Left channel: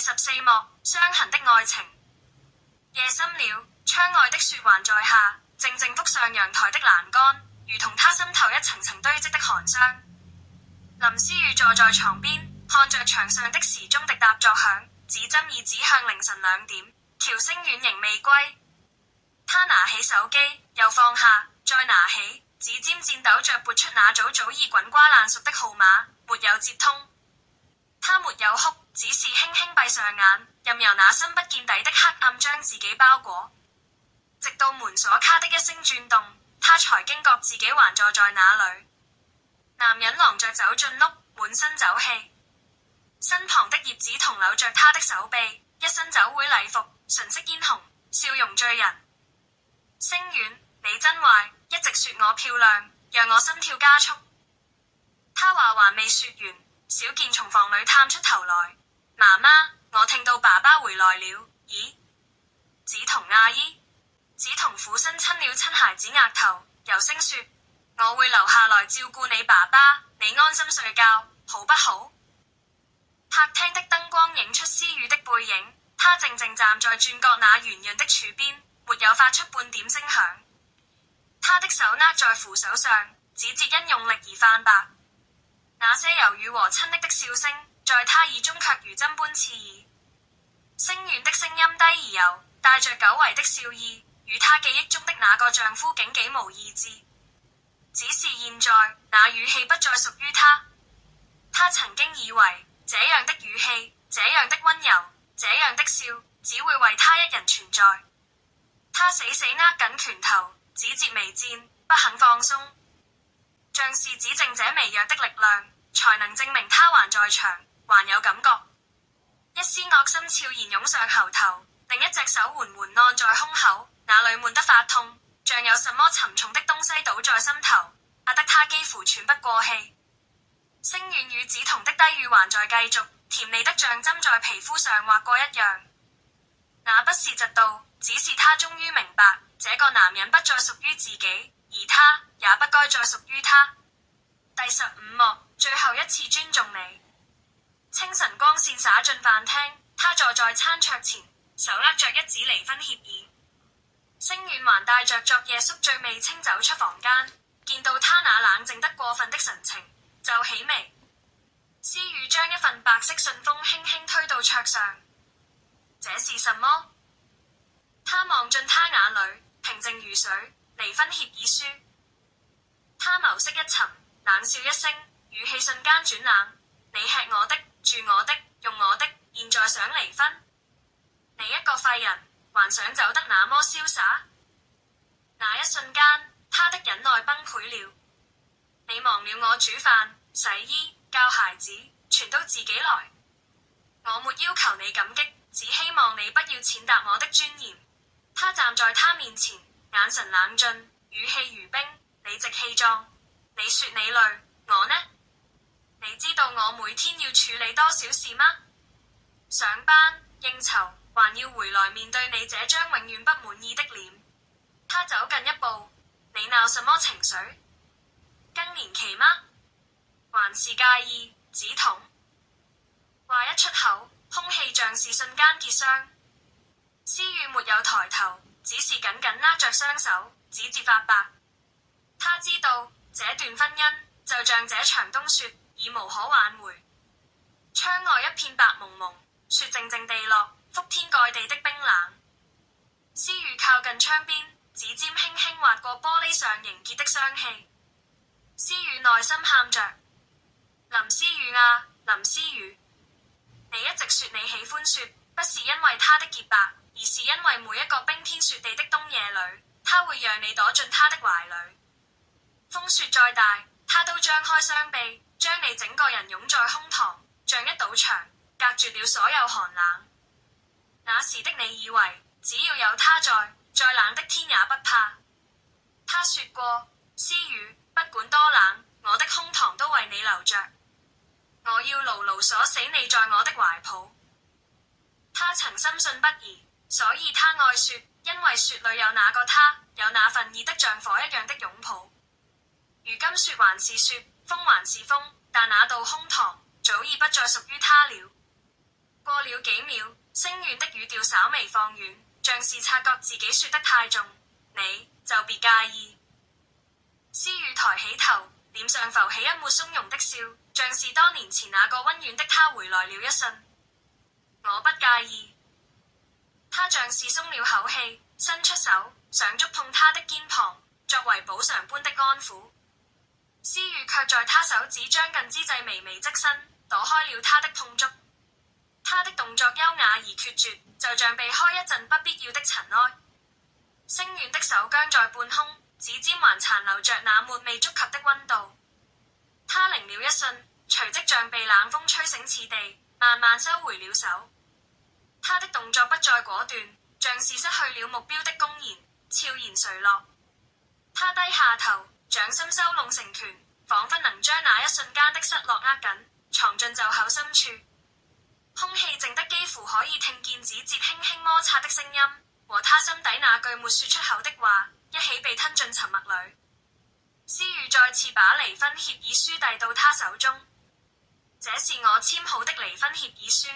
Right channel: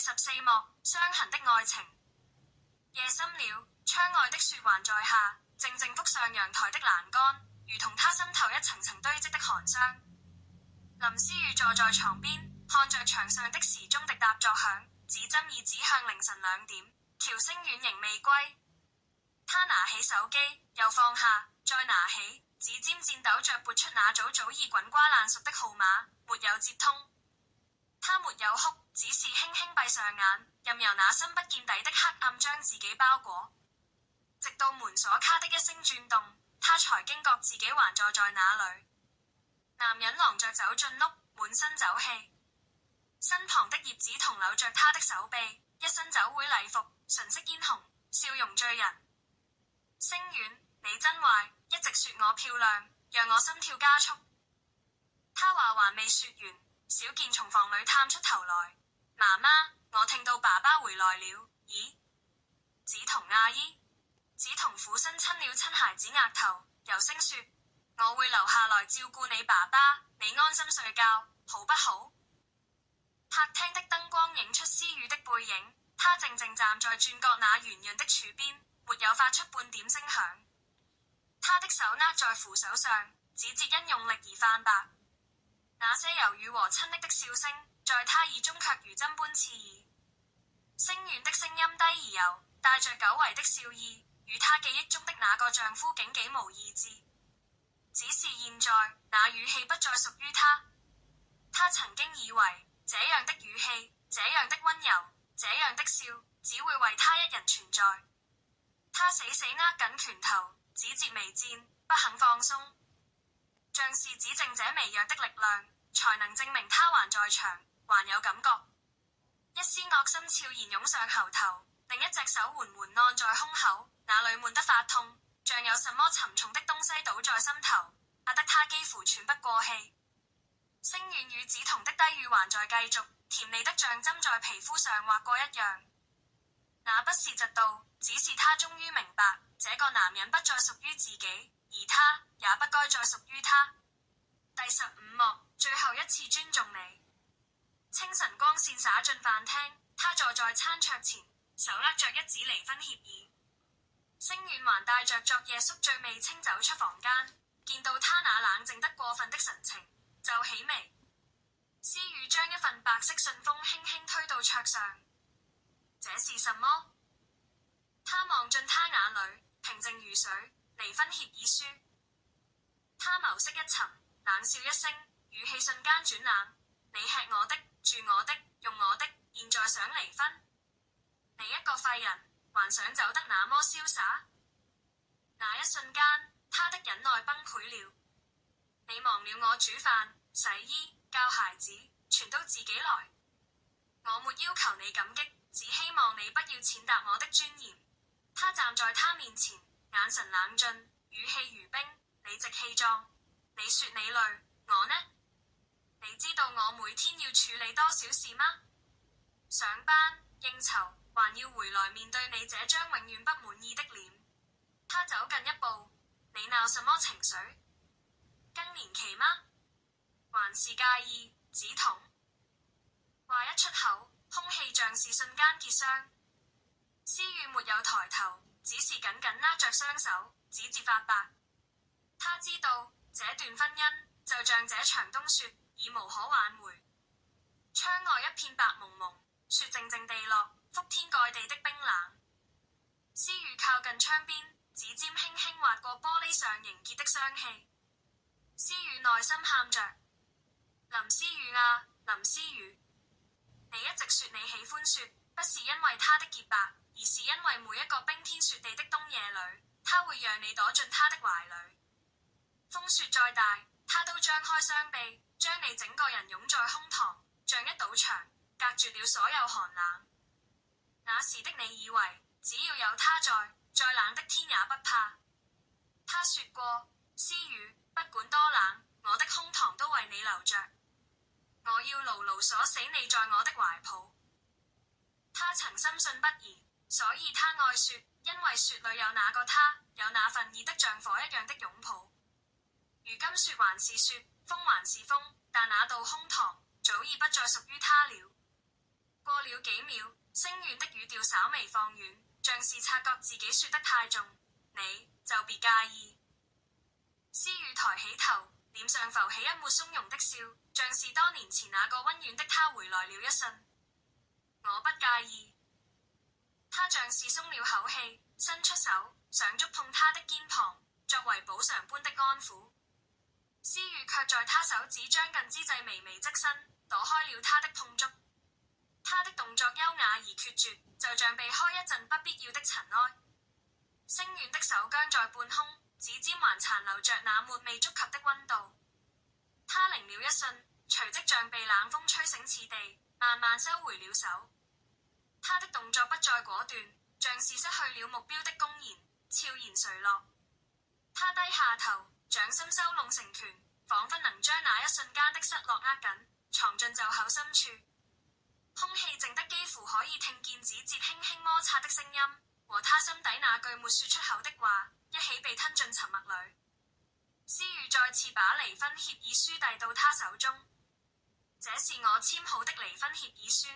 14幕，傷痕的愛情。夜深了，窗外的雪還在下，靜靜覆上陽台的欄杆，如同他心頭一層層堆積的寒霜。林思雨坐在床邊，看着牆上的時鐘滴答作響，指針已指向凌晨2點，喬星遠仍未歸。他拿起手機，又放下，再拿起，指尖顫抖着撥出那早已滾瓜爛熟的號碼，沒有接通。他沒有哭，只是輕輕閉上眼，任由那深不見底的黑暗將自己包裹。直到門鎖咔的一聲轉動，他才驚覺自己還坐在那裡。男人狼着走進屋，滿身酒氣，身旁的葉子彤摟着他的手臂，一身酒會禮服，唇色嫣紅，笑容醉人。星遠，你真壞，一直說我漂亮，讓我心跳加速。他話還未說完，小健從房裡探出頭來，媽媽，我聽到爸爸回來了。咦？子彤阿姨？子彤俯身親了親孩子額頭，柔聲說，我會留下來照顧你爸爸，你安心睡覺，好不好？客廳的燈光映出思雨的背影，他靜靜站在轉角那圓潤的柱邊，沒有發出半點聲響。他的手握在扶手上，指節因用力而泛白，那些柔軟和親昵的笑聲，在他耳中卻如針般刺耳。星遠的聲音低而柔，帶着久違的笑意，與他記憶中的那個丈夫竟幾無二致。只是現在，那語氣不再屬於他。他曾經以為，這樣的語氣，這樣的溫柔，這樣的笑，只會為他一人存在。他死死握緊拳頭，指節微顫，不肯放鬆。像是只剩這微弱的力量，才能證明他還在場，還有感覺。一絲惡心悄然湧上喉頭，另一隻手緩緩按在胸口，那裡悶得發痛，像有什麼沉重的東西倒在心頭，壓得他幾乎喘不過氣。星遠與梓潼的低語還在繼續，甜膩得像針在皮膚上劃過一樣。那不是嫉妒，只是他終於明白，這個男人不再屬於自己，而他也不該再屬於他。第15幕，最後一次尊重你。清晨光線灑進飯廳，他坐在餐桌前，手握着一紙離婚協議。星遠還帶着昨夜宿醉未清走出房間，見到他那冷靜得過分的神情，皺起眉。思雨將一份白色信封輕輕推到桌上，這是什麼？他望進他眼裡，平靜如水。離婚協議書。他眸色一沉，冷笑一聲，語氣瞬間轉冷。你吃我的，住我的，用我的，現在想離婚？你一個廢人，還想走得那麼瀟灑？那一瞬間，他的忍耐崩潰了。你忘了我煮飯、洗衣、教孩子，全都自己來。我沒要求你感激，只希望你不要踐踏我的尊嚴。他站在他面前，眼神冷峻，語氣如冰，理直氣壯。你說你累，我呢？你知道我每天要處理多少事嗎？上班、應酬，還要回來面對你這張永遠不滿意的臉。他走近一步，你鬧什麼情緒？更年期嗎？還是介意？梓潼話一出口，空氣像是瞬間結霜。思雨沒有抬頭，只是緊緊握着雙手，指節發白。他知道這段婚姻就像這場冬雪，已無可挽回。窗外一片白蒙蒙，雪靜靜地落，覆天蓋地的冰冷。思雨靠近窗邊，指尖輕輕劃過玻璃上凝結的霜氣。思雨內心喊着：林思雨啊，林思雨，你一直說你喜歡雪，不是因為它的潔白，而是因為每一個冰天雪地的冬夜裡，它會讓你躲進它的懷裡。風雪再大，它都張開雙臂，將你整個人擁在胸膛，像一堵牆，隔絕了所有寒冷。那時的你以為，只要有他在，再冷的天也不怕。他說過，思雨，不管多冷，我的胸膛都為你留着。我要牢牢鎖死你在我的懷抱。他曾深信不疑，所以他愛雪，因為雪裡有那個他，有那份熱得像火一樣的擁抱。如今雪還是雪，風還是風，但那道胸膛早已不再屬於他了。過了幾秒，聲遠的語調稍微放軟，像是察覺自己說得太重，你就別介意。思雨抬起頭，臉上浮起一抹鬆容的笑，像是多年前那個溫軟的他回來了一瞬。我不介意。他像是鬆了口氣，伸出手想觸碰他的肩膀，作為補償般的安撫。思雨卻在他手指將近之際微微側身，躲開了他的碰觸。他的動作優雅而決絕，就像避開一陣不必要的塵埃。星遠的手僵在半空，指尖還殘留着那抹未觸及的溫度。他凝了一瞬，隨即像被冷風吹醒似地，慢慢收回了手。他的動作不再果斷，像是失去了目標的公然，悄然垂落。他低下頭，掌心收攏成拳，彷彿能將那一瞬間的失落握緊，藏進袖口深處。空氣靜得幾乎可以聽見指節輕輕摩擦的聲音，和他心底那句沒說出口的話一起被吞進沉默裏。思雨再次把離婚協議書遞到他手中，這是我簽好的離婚協議書。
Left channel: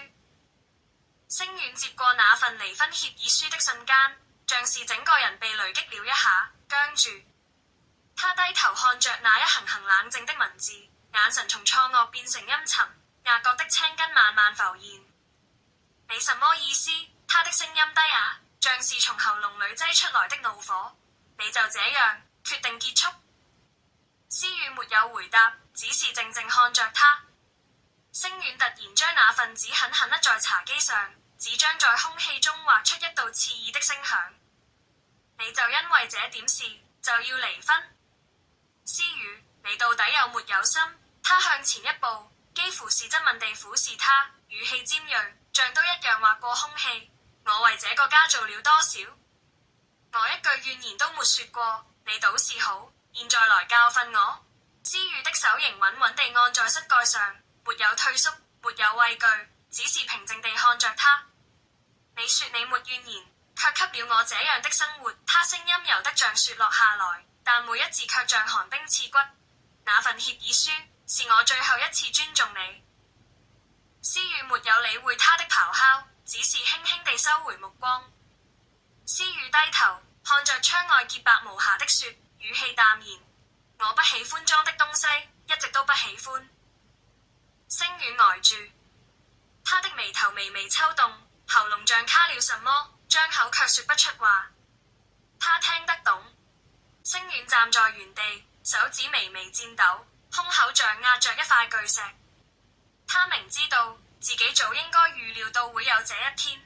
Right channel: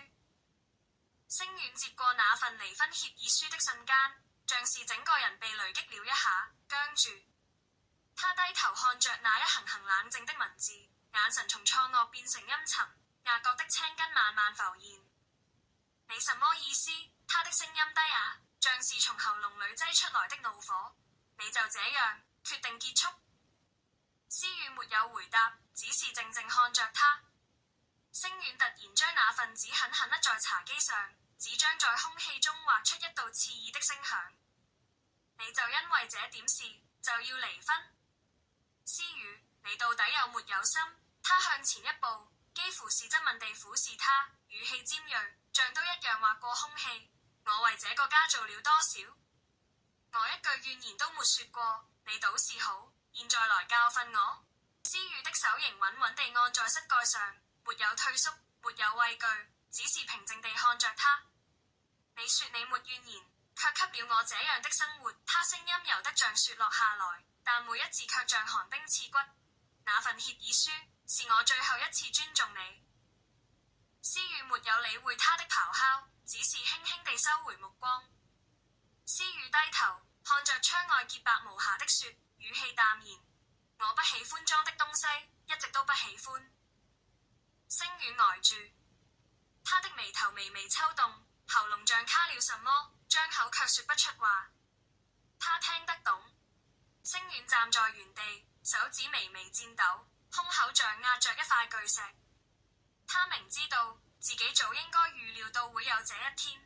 星遠接過那份離婚協議書的瞬間，像是整個人被雷擊了一下，僵住。他低頭看着那一行行冷靜的文字，眼神從錯愕變成陰沉，額角的青筋慢慢浮現。你什麼意思？他的聲音低啞，像是從喉嚨裏擠出來的怒火。你就這樣決定結束？思雨沒有回答，只是靜靜看着他。星遠突然將那份紙狠狠甩在茶几上，紙張在空氣中劃出一道刺耳的聲響。你就因為這點事就要離婚？思雨，你到底有沒有心？他向前一步，幾乎是質問地俯視他，語氣尖銳，像都一樣劃過空氣。我為這個家做了多少？我一句怨言都沒說過，你倒是好，現在來教訓我。思雨的手仍穩穩地按在膝蓋上，沒有退縮，沒有畏懼，只是平靜地看着他。你說你沒怨言，卻給了我這樣的生活。他聲音柔得像雪落下來，但每一字卻像寒冰刺骨。那份協議書是我最後一次尊重你。思雨沒有理會他的咆哮，只是輕輕地收回目光。思雨低頭看着窗外潔白無瑕的雪，語氣淡然。我不喜歡髒的東西，一直都不喜歡。星遠呆住，他的眉頭微微抽動，喉嚨像卡了什麼，張口卻說不出話。他聽得懂。星遠站在原地，手指微微顫抖，胸口像壓着一塊巨石。他明知道自己早應該預料到會有這一天。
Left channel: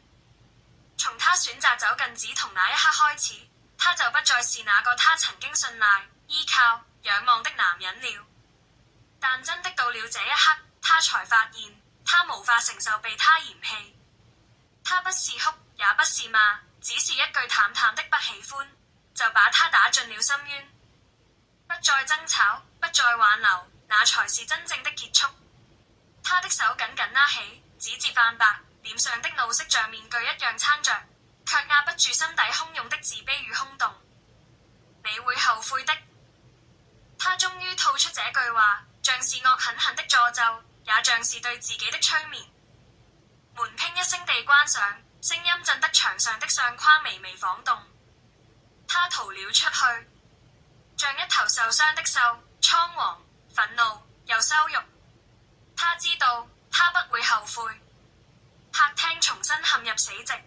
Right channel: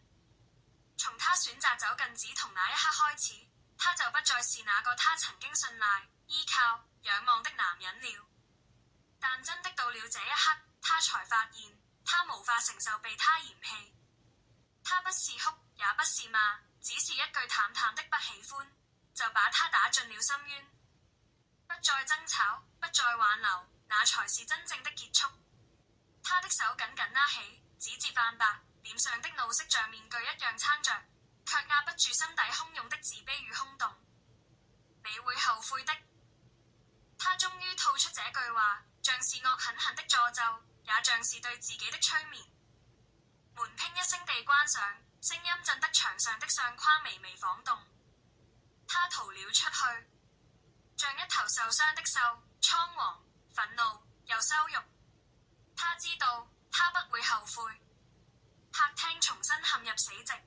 從他選擇走近梓潼那一刻開始，他就不再是那個他曾經信賴、依靠、仰望的男人了。但真的到了這一刻，他才發現他無法承受被他嫌棄。他不是哭，也不是罵，只是一句淡淡的不喜歡，就把他打進了深淵。不再爭吵，不再挽留，那才是真正的結束。他的手緊緊拉起，指節泛白，臉上的怒色像面具一樣撐着，卻壓不住心底洶湧的自卑與空洞。你會後悔的。他終於吐出這句話，像是惡狠狠的詛咒，也像是對自己的催眠。門砰一聲地關上，聲音震得牆上的相框微微晃動。他逃了出去，像一頭受傷的獸，倉皇、憤怒又羞辱。他知道他不會後悔。客廳重新陷入死寂。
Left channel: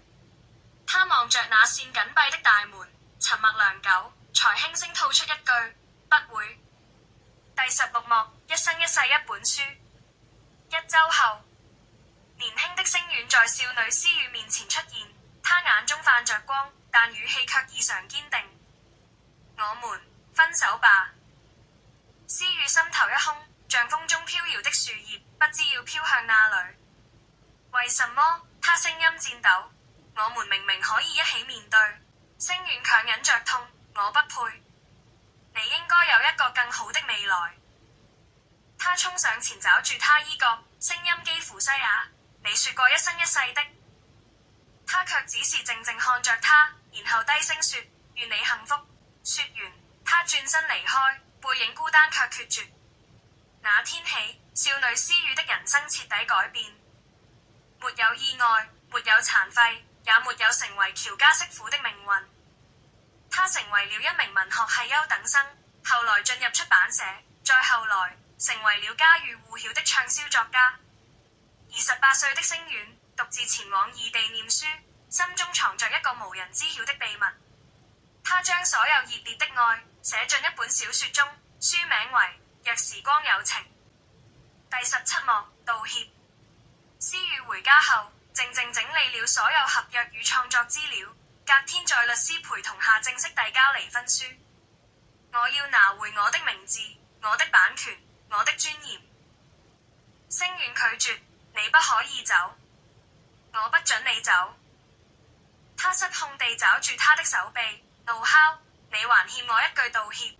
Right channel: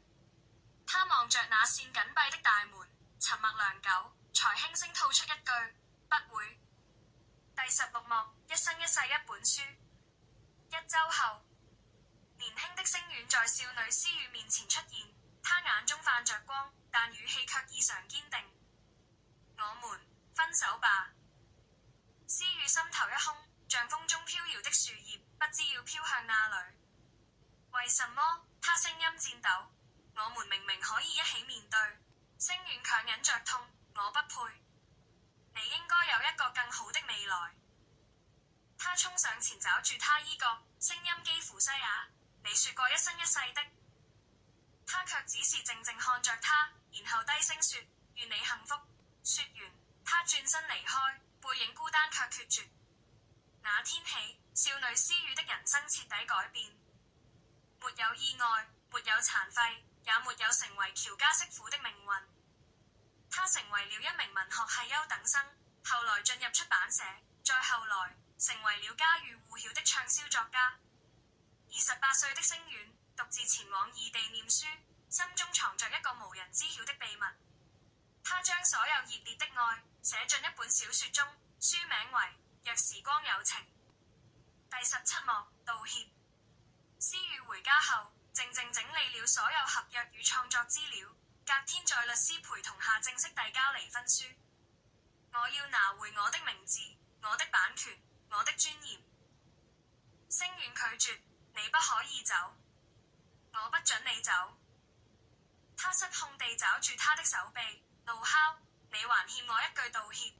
他望着那扇緊閉的大門，沉默良久，才輕聲吐出一句：不會。第16幕，一生一世一本書。1週後，年輕的星遠在少女思雨面前出現，他眼中泛着光，但語氣卻異常堅定。我們分手吧。思雨心頭一空，像風中飄搖的樹葉，不知要飄向哪裏。為什麼？他聲音顫抖。我們明明可以一起面對。星遠強忍着痛，我不配。你應該有一個更好的未來。他衝上前抓住他衣角，聲音幾乎嘶啞。你說過一生一世的。他卻只是靜靜看着他，然後低聲說：願你幸福。說完，他轉身離開，背影孤單卻決絕。那天起，少女思雨的人生徹底改變。沒有意外，沒有殘廢，也沒有成為喬家媳婦的命運。他成為了一名文學系優等生，後來進入出版社，再後來成為了家喻戶曉的暢銷作家。28歲的星遠獨自前往異地念書，心中藏着一個無人知曉的秘密。他將所有熱烈的愛寫進一本小說中，書名為《若時光有情》。第17幕，道歉。思雨回家後，靜靜整理了所有合約與創作資料，隔天在律師陪同下正式遞交離婚書。我要拿回我的名字、我的版權、我的尊嚴。星遠拒絕，你不可以走，我不准你走。他失控地抓住他的手臂，怒吼：你還欠我一句道歉。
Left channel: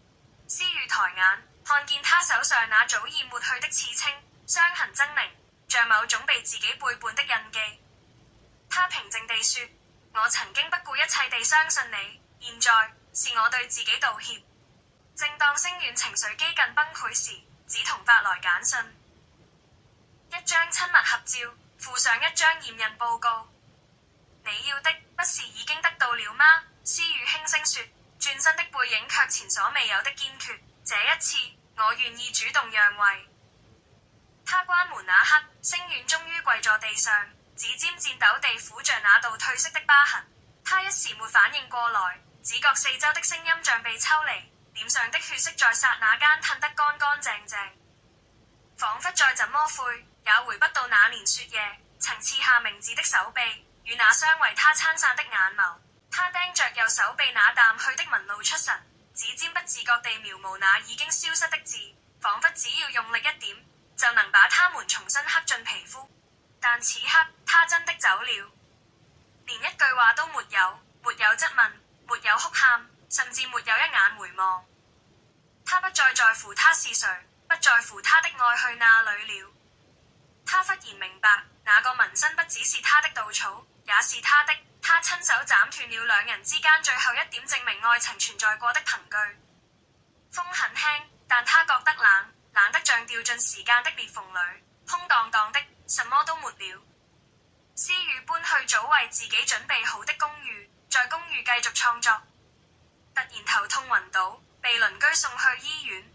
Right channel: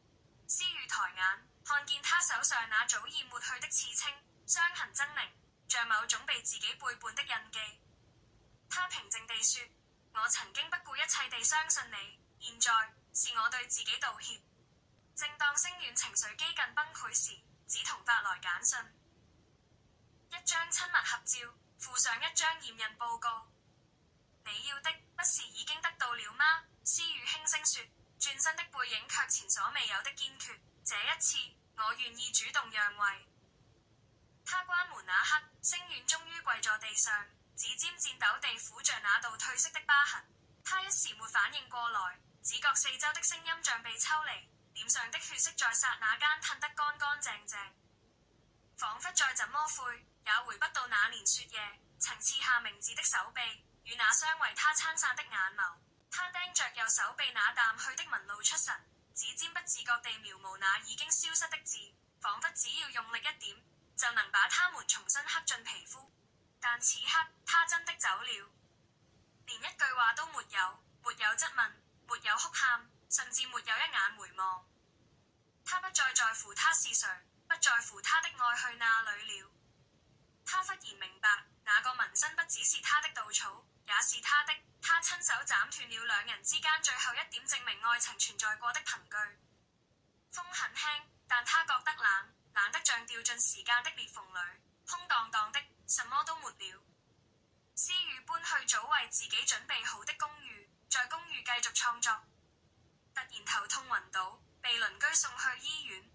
思雨抬眼，看見他手上那早已抹去的刺青，傷痕猙獰，像某種被自己背叛的印記。他平靜地說：我曾經不顧一切地相信你，現在是我對自己道歉。正當星遠情緒幾近崩潰時，梓潼發來簡訊，一張親密合照，附上一張驗孕報告。你要的不是已經得到了嗎？思雨輕聲說，轉身的背影卻前所未有的堅決。這一次，我願意主動讓位。他關門那刻，星遠終於跪在地上，指尖顫抖地撫着那道褪色的疤痕。他一時沒反應過來，只覺四周的聲音像被抽離，臉上的血色在剎那間褪得乾乾淨淨，彷彿再怎麼悔也回不到那年雪夜曾刺下名字的手臂與那雙為他撐傘的眼眸。他盯着右手臂那淡去的紋露出神，指尖不自覺地描摹那已經消失的字，彷彿只要用力一點就能把它們重新刻進皮膚。但此刻他真的走了，連一句話都沒有，沒有質問，沒有哭喊，甚至沒有一眼回望。他不再在乎他是誰，不在乎他的愛去哪裏了。他忽然明白，那個紋身不只是他的稻草，也是他的。他親手斬斷了兩人之間最後一點證明愛情存在過的憑據。風很輕，但他覺得冷，冷得像掉進時間的裂縫裏，空蕩蕩的，什麼都沒了。思雨搬去早為自己準備好的公寓，在公寓繼續創作。突然頭痛暈倒，被鄰居送去醫院。